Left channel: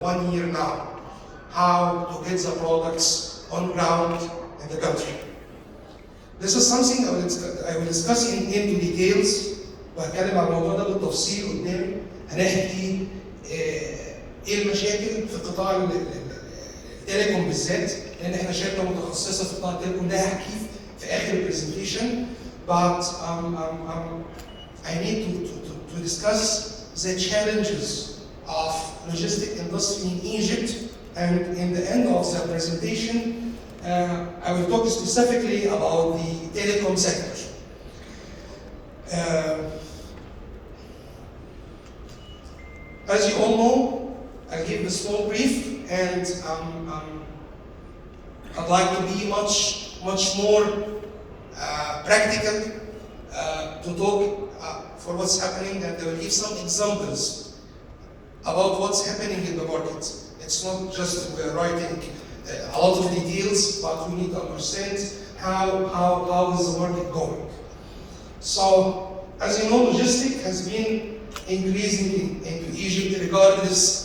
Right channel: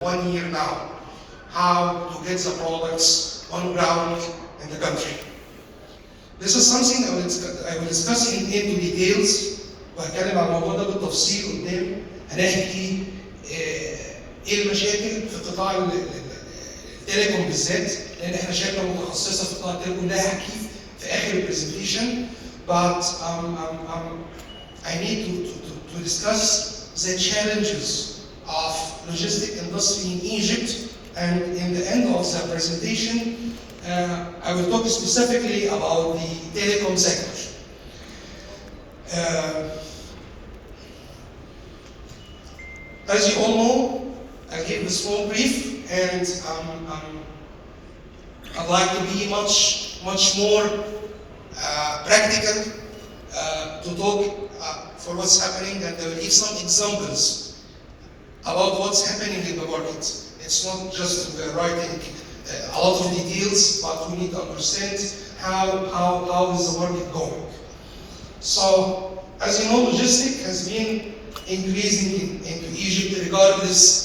1 year now, how to get the products on ground in the country. This is something I will discuss in details وهتكلم عن الموضوع ده بالتفصيل قدام. هنحكي ايه المشاكل في قطاع التليكوم بالذات، لان احنا شركه متخصصه في قطاع التليكوم، ده هحكي في اخر البرزنتيشن. But I need to discuss the challenges of logistic industry in Egypt, and in the end of the presentation, I will talk specifically about the telecom sector. As you all know, I gave the small brief, and I'd like to be much more practical to talk for what's happening, and I will give some examples about what's happening in the market. It's not just writing a lot of details, but we need to understand how is the market going. So, as you know, logistics has been increasing into Egypt, regardless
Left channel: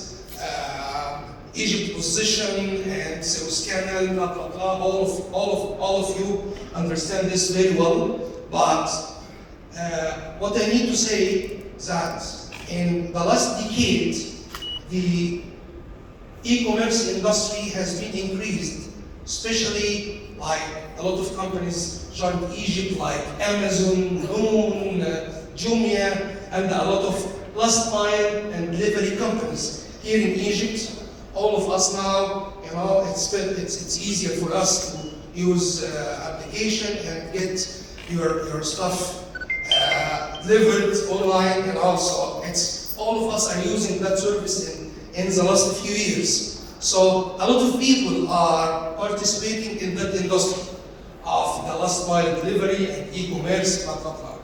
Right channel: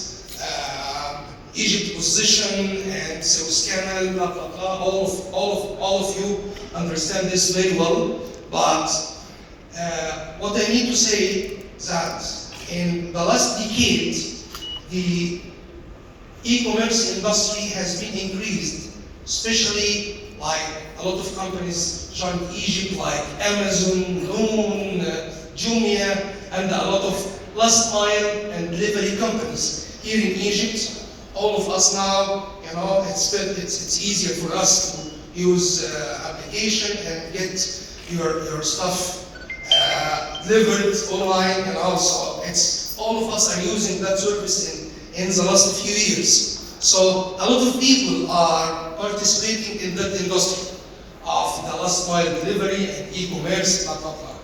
Egypt position and Suez Canal, blah blah blah. All of you understand this very well. But what I need to say that in the last decade, the e-commerce industry has been increased, especially like a lot of companies joined Egypt, like Amazon, Noon, Jumia, and a lot of last mile and delivery companies here in Egypt. All of us now, you know, it's easier for us to use application and get your stuff delivered online, and also all of us are using that service in the last few years. So a lot of people are participating in that industry of the last mile delivery and e-commerce, blah blah blah.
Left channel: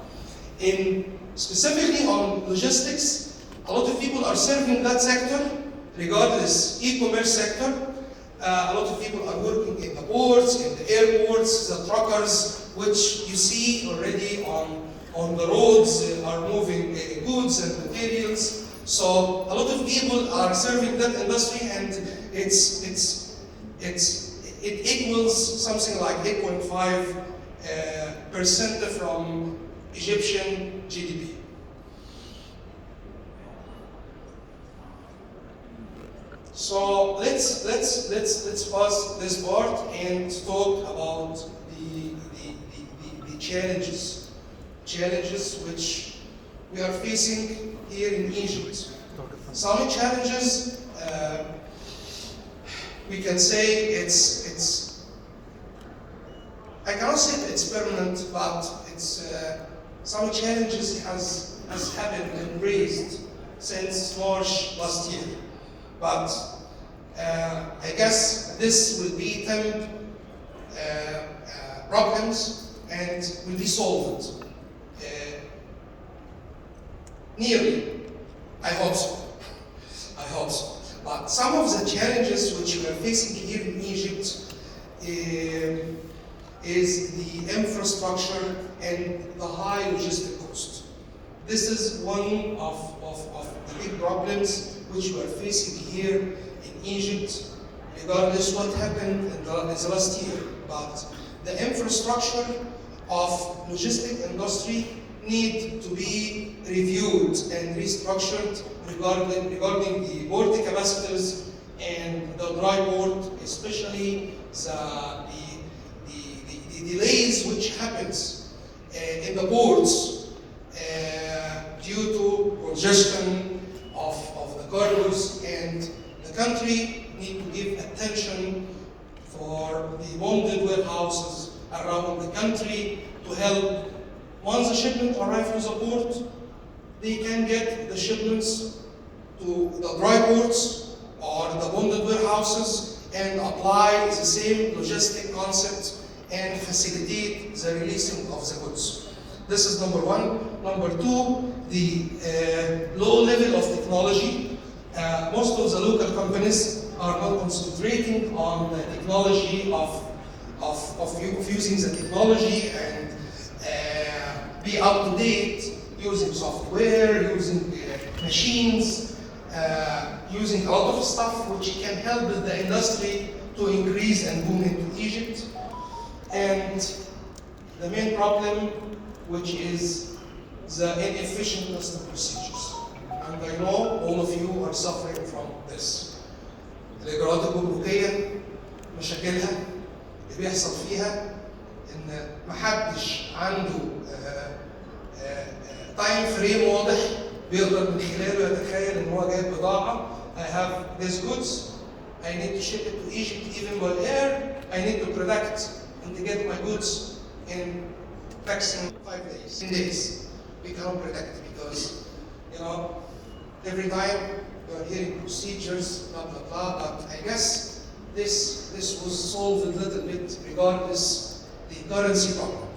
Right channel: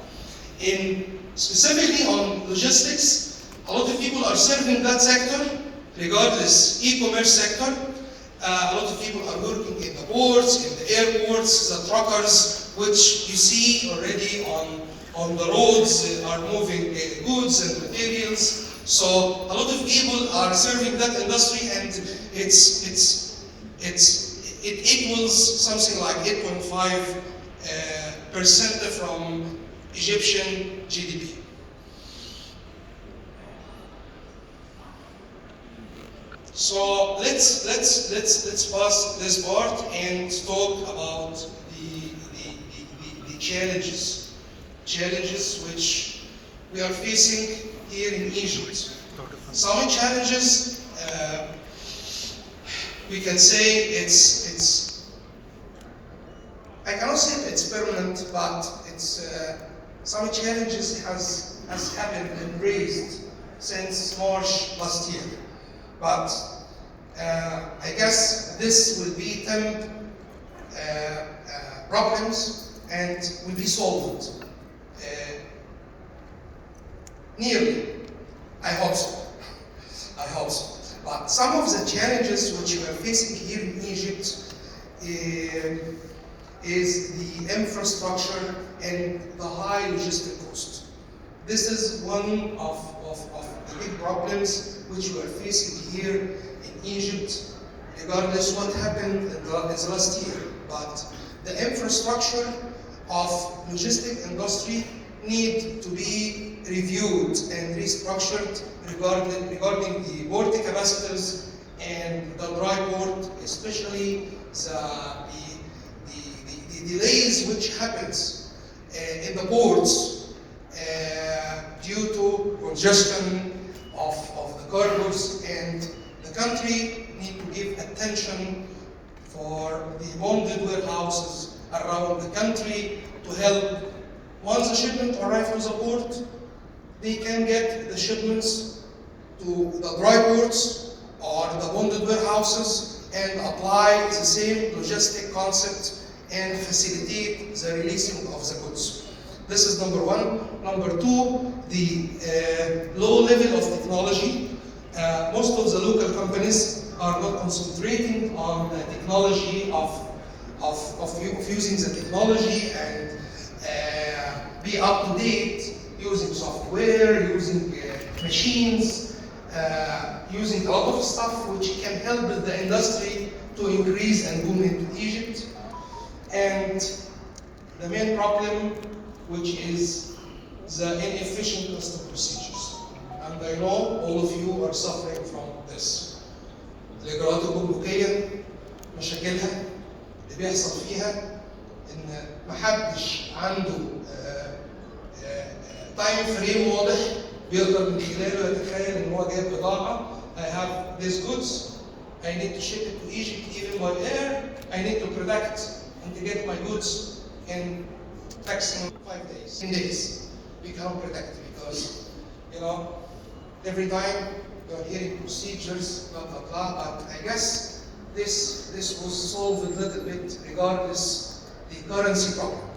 Specifically on logistics, a lot of people are serving that sector, regardless e-commerce sector. A lot of people are working in the ports, in the airports, the truckers, which you see already on the roads are moving goods and materials. So a lot of people are serving that industry, and it equals something like 8.5% from Egyptian GDP. So let's pass this part and talk about the challenges which we are facing here in Egypt. Some challenges, we can say it's I cannot say it's permanent, but it's some challenges has happened and raised since March last year. But I guess this will be temp problems and will be solved. Nearly. I hope so. But some of the challenges which we are facing here in Egypt is the infrastructure and the high logistic cost. This is one of the big problems which we are facing here in Egypt, regardless what happened in the last year. But the infrastructure of logistic industry need to be reviewed and restructured regarding the port capacities and the dry port, especially the delays which happens in the ports due to congestion of the cargoes, and the country need to give attention for the bonded warehouses around the country to help. Once the shipment arrives to the port, they can get the shipments to the dry ports or the bonded warehouses and apply the same logistic concept and facilitate the releasing of the goods. This is number one. Number two, the low level of technology. Most of the local companies are not concentrating on the technology of using the technology and be up to date, using software, using machines, using a lot of stuff which can help the industry to increase and boom into Egypt. And the main problem, which is the inefficient custom procedures. And I know all of you are suffering from this. الإجراءات الجمركية مشاكلها اللي بيحصل فيها إن محدش عنده تايم فريم واضح بيقدر من خلاله يتخيل إن هو جايب بضاعة. I have these goods, I need to ship it to Egypt even while here. I need to protect and to get my goods in maximum 5 days, 10 days. We can't protect because, you know, every time we are hearing procedures, blah, blah, blah, but I guess this was solved a little bit regardless the currency problem.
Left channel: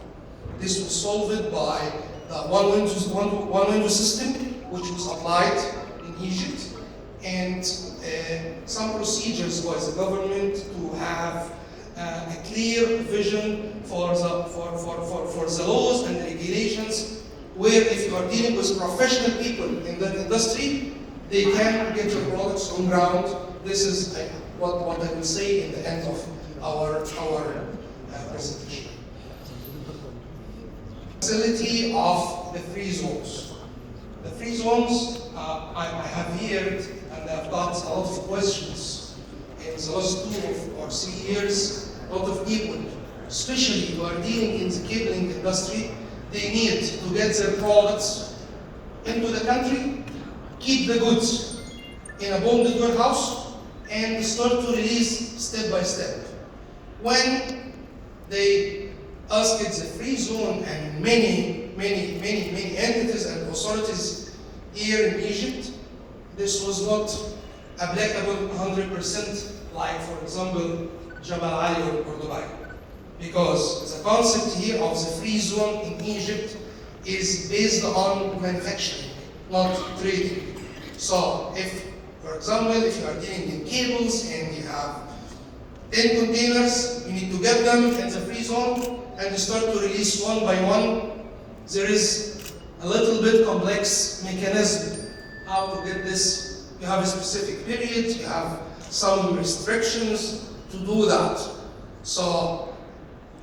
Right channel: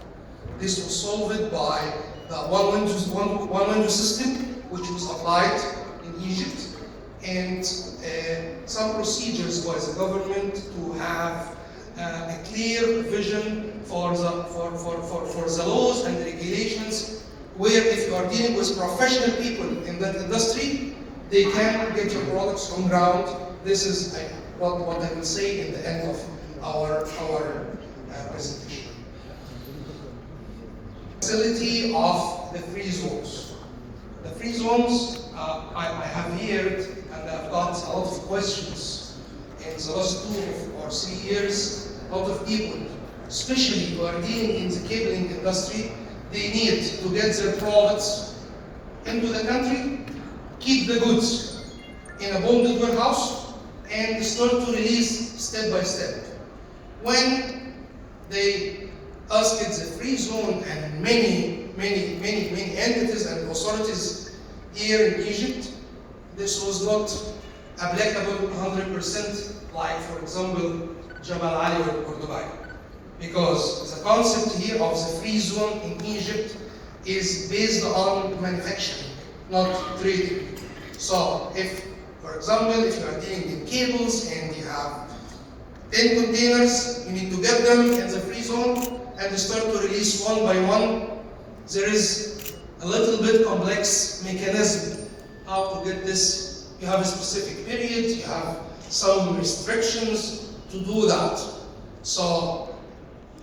This was solved by the one window system, which was applied in Egypt, and some procedures by the government to have a clear vision for the laws and regulations, where if you are dealing with professional people in that industry, they can get your products on ground. This is what I will say in the end of our presentation. Facility of the free zones. The free zones, I have heard, and I've got a lot of questions in the last 2 or 3 years. A lot of people, especially who are dealing in the cabling industry, they need to get their products into the country, keep the goods in a bonded warehouse, and start to release step by step. When they asked the free zone, and many entities and authorities here in Egypt, this was not applicable 100%, like for example, Jabal Ali or Dubai. Because the concept here of the free zone in Egypt is based on manufacturing, not trading. So if, for example, if you are dealing in cables and you have 10 containers, you need to get them in the free zone and start to release one by one. There is a little bit complex mechanism how to get this. You have a specific period, you have some restrictions to do that. So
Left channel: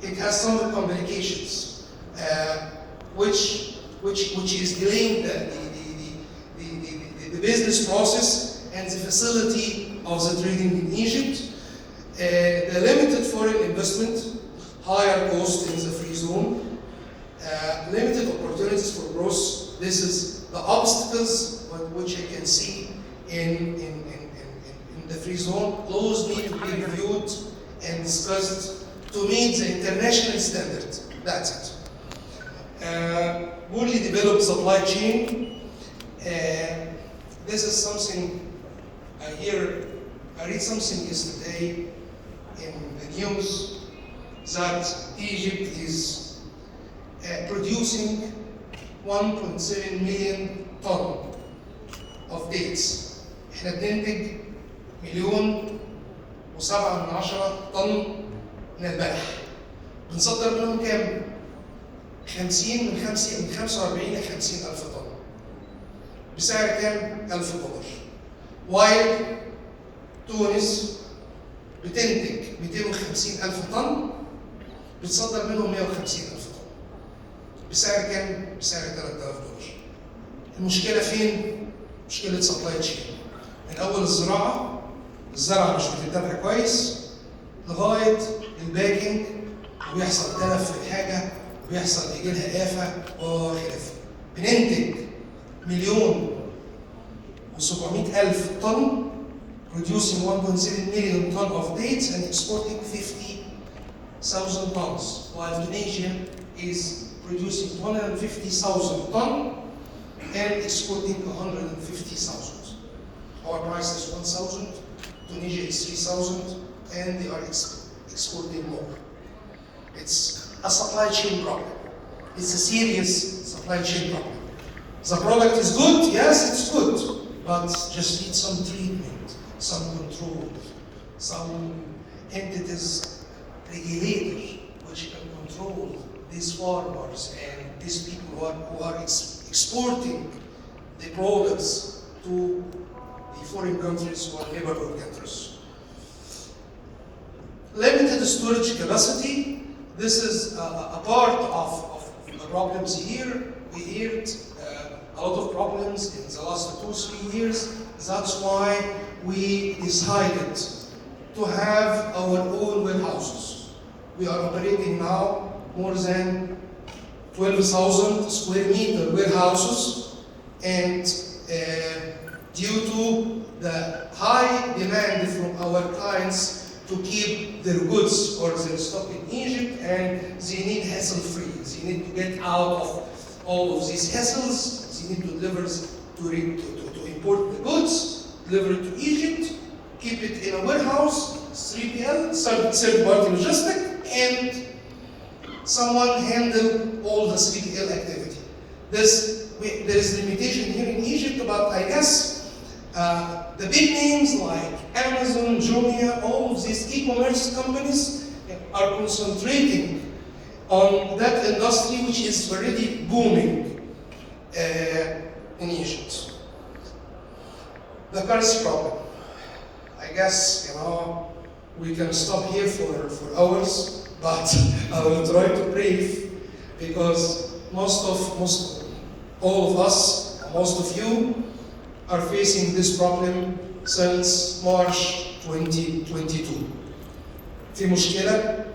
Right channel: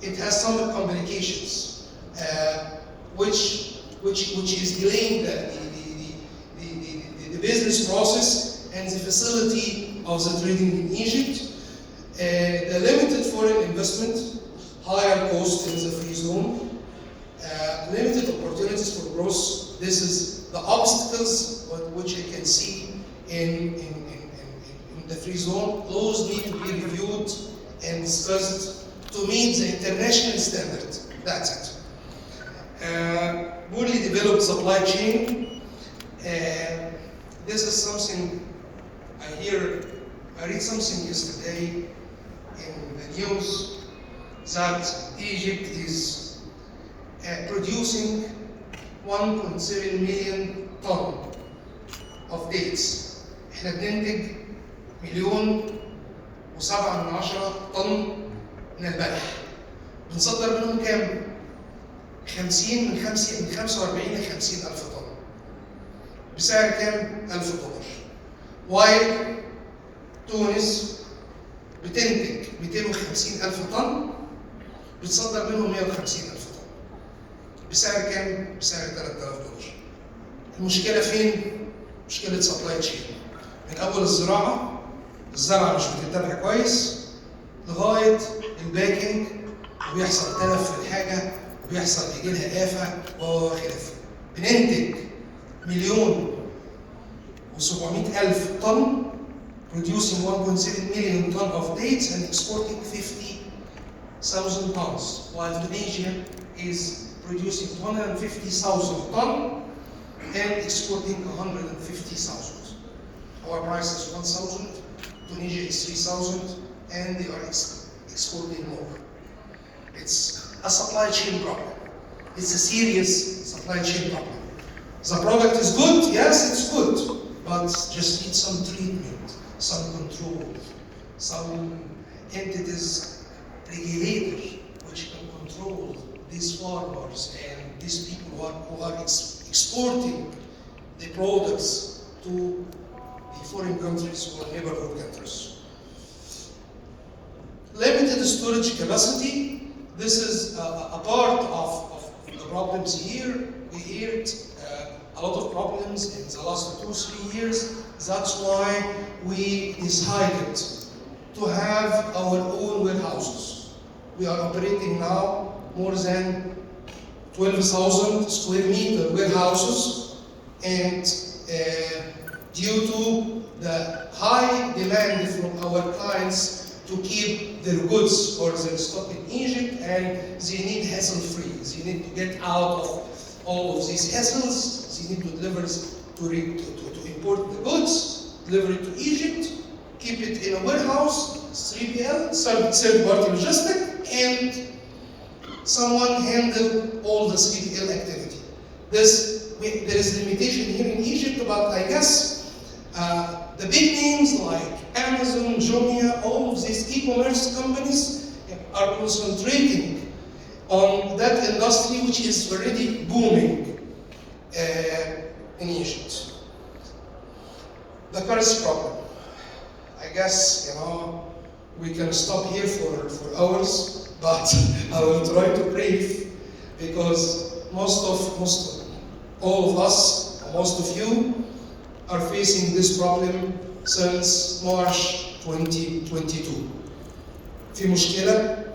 it has some complications, which is delaying the business process and the facility of the trading in Egypt. The limited foreign investment, higher cost in the free zone, limited opportunities for growth. This is the obstacles which I can see in the free zone. Laws need to be reviewed and discussed to meet the international standard. That's it. Poorly developed supply chain. This is something I read something yesterday in the news that Egypt is producing 1.7 million ton of dates. احنا بننتج 1,700,000 طن من البلح. بنصدر منهم كام؟ 50 من 45 ل 50 ألف طن. بسعر كام؟ $1000. وايل تونس بتنتج 250,000 طن، بتصدر منهم 150,000 طن. بسعر كام؟ بسعر $3000. المشكلة فين؟ مشكلة سبلاي تشين. من أول الزراعة مش بتتبع كويس لغاية الباكينج، وبيحصل تلف في الحاجة، وبيحصل يجي لها آفة وخلافه. بننتج 1,700,000 طن، producing 1.7 million ton of dates and exporting 50,000 tons, while Tunisia is producing 150,000 ton and exporting 150,000. Our price is 1,000, Tunisia is 3,000, and they are exporting more. It's a supply chain problem. It's a serious supply chain problem. The product is good, yes, it's good, but just need some treatment, some control, some entities, regulators, which can control these farmers and these people who are exporting the products to foreign countries or neighborhood countries. Limited storage capacity. This is a part of the problems here. We heard a lot of problems in the last 2-3 years. That's why we decided to have our own warehouses. We are operating now more than 12,000 square meter warehouses, and due to the high demand from our clients to keep their goods or their stock in Egypt, and they need hassle-free. They need to get out of all of these hassles. They need to deliver to import the goods, deliver it to Egypt, keep it in a warehouse, 3PL, third-party logistic, and someone handle all the 3PL activity. There is limitation here in Egypt, but I guess the big names like Amazon, Jumia, all of these e-commerce companies are concentrating on that industry, which is already booming in Egypt. The first problem, I guess, we can stop here for hours, but I will try to brief, because all of us, most of you, are facing this problem since March 2022. في مشكلة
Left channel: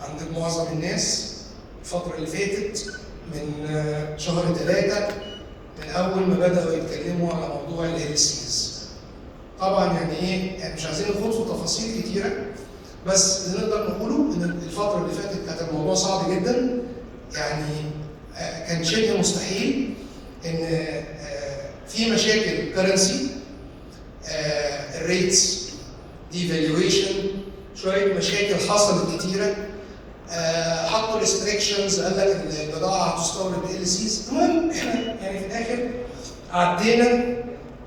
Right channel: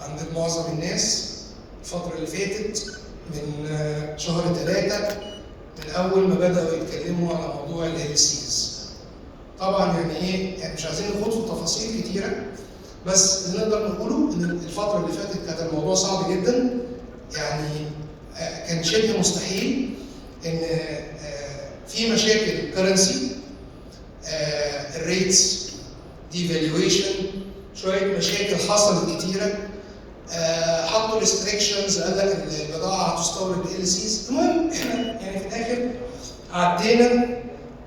عند معظم الناس الفترة اللي فاتت من شهر 3 من أول ما بدأوا يتكلموا على موضوع الهيلسيز. طبعا يعني مش عايزين نخوض في تفاصيل كتيرة، بس اللي نقدر نقوله إن الفترة اللي فاتت كانت الموضوع صعب جدا، يعني كان شبه مستحيل إن في مشاكل كرنسي، الريتس، ديفالويشن، شويه مشاكل حصلت كتيره، حطوا ريستريكشنز، قال لك البضاعه هتستورد ال-سيز. المهم احنا يعني في الاخر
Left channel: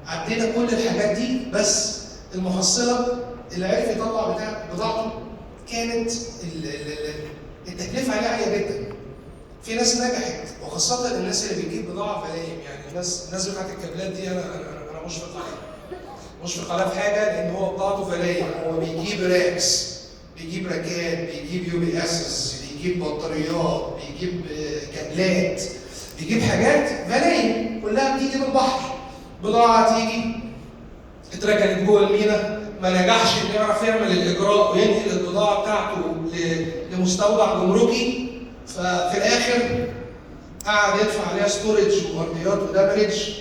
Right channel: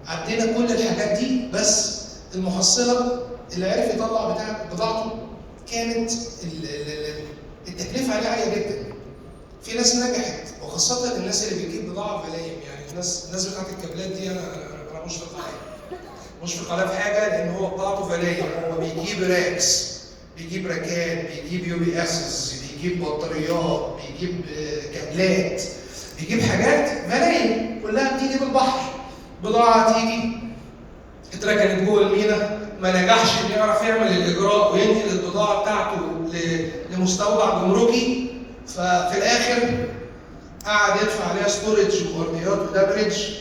عدينا كل الحاجات دي، بس المحصله اللي عرف يطلع بضاعته كانت التكلفه عليه عاليه جدا. في ناس نجحت، وخاصه الناس اللي بتجيب بضاعه فلايم، يعني الناس بتاعت الكابلات دي انا مشفق عليها في حاجه، لان هو بضاعته فلايم. هو بيجيب راكس، بيجيب راكات، بيجيب UPS، بيجيب بطاريات، بيجيب كابلات، بيجيب حاجات فلايم كلها بتيجي من البحر. بضاعه تيجي اتركنت جوه المينا، ما نجحش انه يعرف يعمل الاجراء وينقل البضاعه بتاعته لمستودع جمركي، ففي الاخر قعد يدفع عليها ستورج وورديات ودبرج.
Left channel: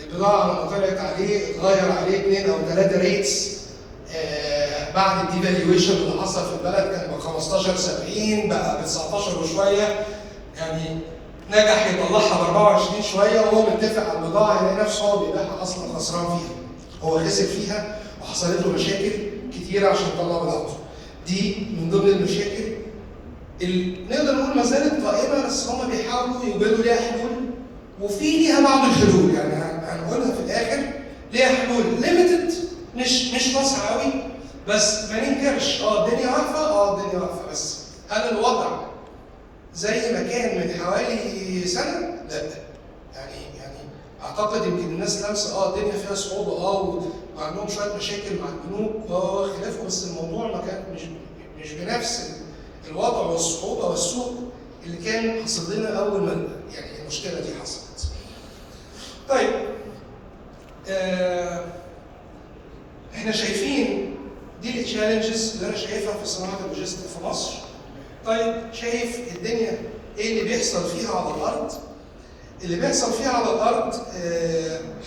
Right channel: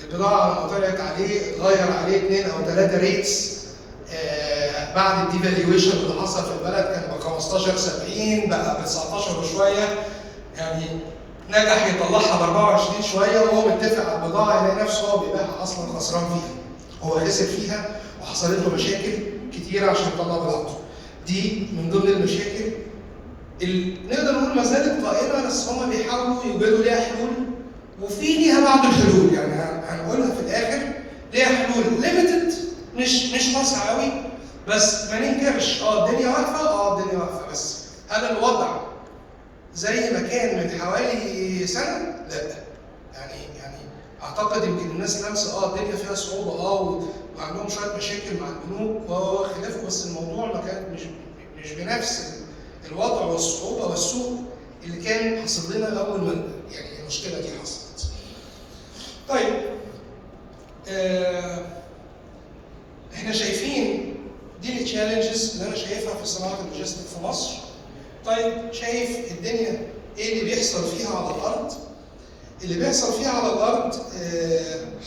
البضاعه لما طلعت عليه اتغير عليه 2 أو 3 ريتس. بعد الديفالويشن اللي حصل في البلد كان ب 15.70 بقى ب 19 وشويه، يعني نجح يطلعها ب 24 شويه، وهو متفق على البضاعه يلاقي نفسه هو بيبيعها اصلا خسران فيها. هو خسر فيها وحصلت له مشاكل كتيره عشان يطلع بضاعته. دي من ضمن المشاكل اللي نقدر نقول ما زالت قائمه، بس هم بيحاولوا يوجدوا ليها حلول، وفي ليها بعض الحلول، يعني هنقولها في الاخر. ليها حلول ليميتد، مش واسعه قوي، بس ما ننكرش الدنيا واقفه، الدنيا واقفه، بس هل الوضع زي ما كان من حوالي سنه؟ لا. يعني اعتقد يمكن الناس لامسه الدنيا فيها صعوبه، وعندهم شويه مشاكل مع البنوك وخلافه، بس الموضوع ما كان مش بنفس الوضع والصعوبه والسوق اللي كان حصل لنا اول ما يعني المشكله دي حصلت. طيب احنا شايفين دي التشالنجز اللي انا شايفها في صناعه اللوجيستيك في مصر. طيب شايف الدنيا ايه اللي بيحصل فيها على الارض؟ اللي بيحصل فيها على الارض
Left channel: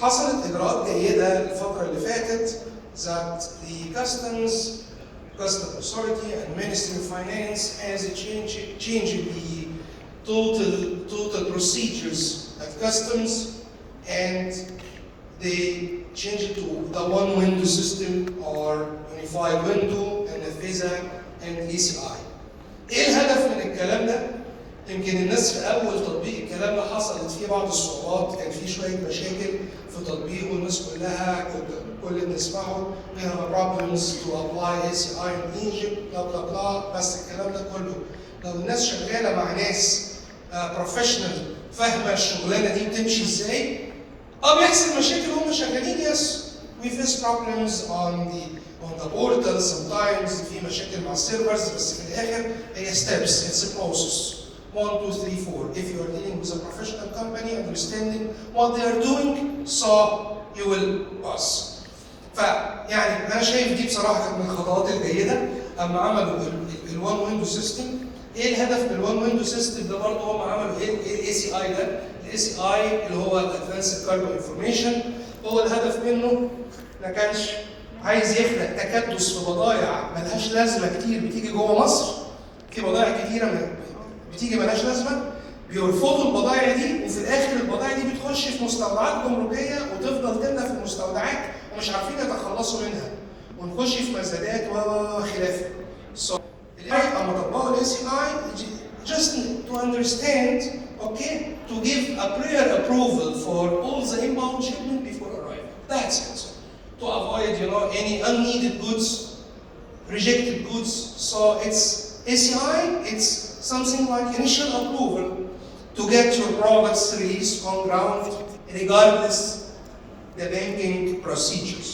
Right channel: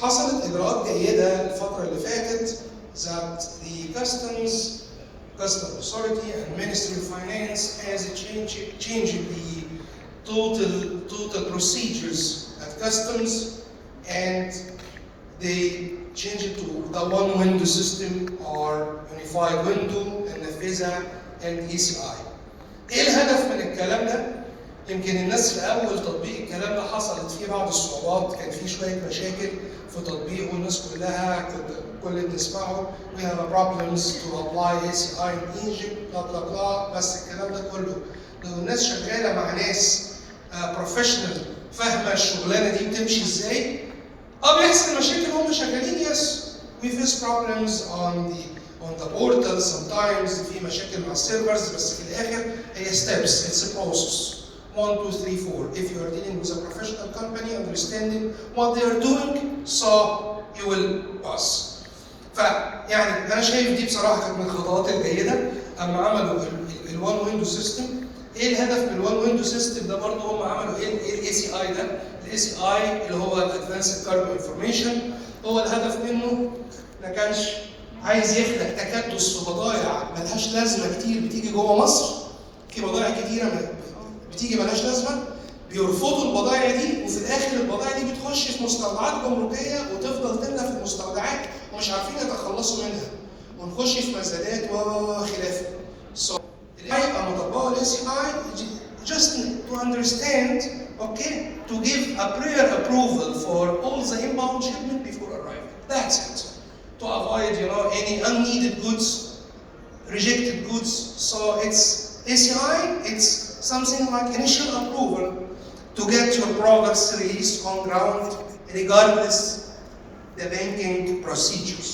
حصلت اجراءات جيده الفتره اللي فاتت that the customs authority and Ministry of Finance has changed the total procedures at customs, and they changed it to the one window system or unified window and the FISA and ECI. ايه الهدف من الكلام ده؟ يمكن الناس في اول تطبيق الكلام ده حصلت فيه بعض الصعوبات، كان فيه شويه مشاكل في تطبيقه، والناس كلها كل اللي بنسمعه we have problems to apply ECI in Egypt بلا بلا بلا. بس الكلام ده كله لو الناس شغاله مع ناس بروفيشنال فاهمه الشغلانه دي بتمشي ازاي، بيحصل مشاكل هم شغالين، يس we face problems on the portal sometimes في مشاكل مع السيرفرز بس في الاخر هي steps, it's a process. 1, 2, 3, 4. If you are dealing with a professional company, understanding what they are doing, so you will pass. فيعني انا شايف دي بصراحه كانت من الخطوات الجيده اما عملوا الوان ويندو سيستم. ايه الهدف من الوان ويندو سيستم ده برضه؟ هم عملوا ايه الاي سي اي ده؟ الاي سي اي اللي هو الادفانسد كاربو انفورميشن، هو الهدف منه ما كانش عايز يخلق تكدس في بضائع ملهاش لازمه كتير بتيجي جوه مصر. في بضائع كتيره بتيجي ملهاش لازمه، بيرفضوا البضائع دي وفي الاخر البضائع دي بتخش في مستودعات جمركيه وتفضل تملى في المستودعات ومش عارفين يتخلصوا منها ونخش في مزادات وخلافه. So اما طبقوا الاي سي اي just to understand, okay, to give a prior approval for all the inbound shipment before arrival. That's it. To avoid, any unneeded goods, rejected goods. So it's ACI, it's something like initial approval to get your products released on ground regardless the banking procedures.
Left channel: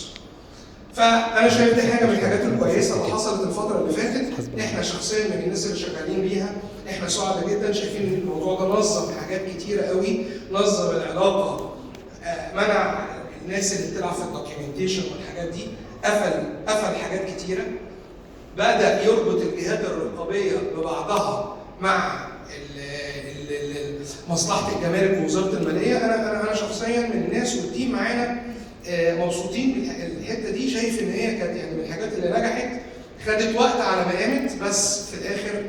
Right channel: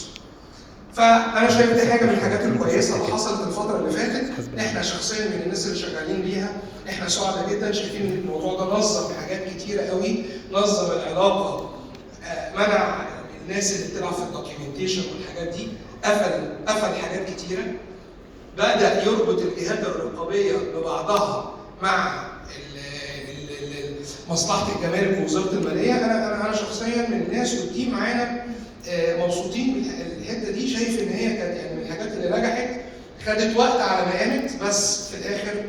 فأنا شايف دي حاجة من الحاجات الكويسة اللي حصلت الفترة اللي فاتت. احنا شخصيا من الناس اللي شغالين بيها احنا سعداء جدا، شايفين ان الموضوع ده نظم حاجات كتيرة قوي، نظم العلاقة، منع الناس اللي بتلعب في الدوكيومنتيشن والحاجات دي، قفل حاجات كتيرة، بدأ يربط الجهات الرقابية ببعضها مع مصلحة الجمارك ووزارة المالية. أنا شخصيا من الناس والتيم معانا مبسوطين بالحتة دي، شايف إن هي كانت يعني من الحاجات اللي نجحت، خدت وقت على ما قامت بس في الآخر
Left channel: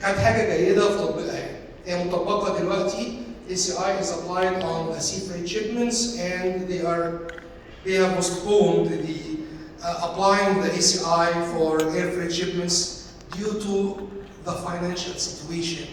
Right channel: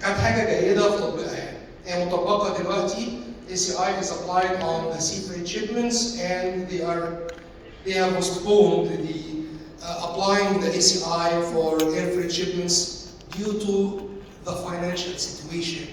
كانت حاجة جيدة في تطبيقها. يعني هي مطبقة دلوقتي. ACI is applied on the sea freight shipments and they have postponed the applying the ACI for air freight shipments due to the financial situation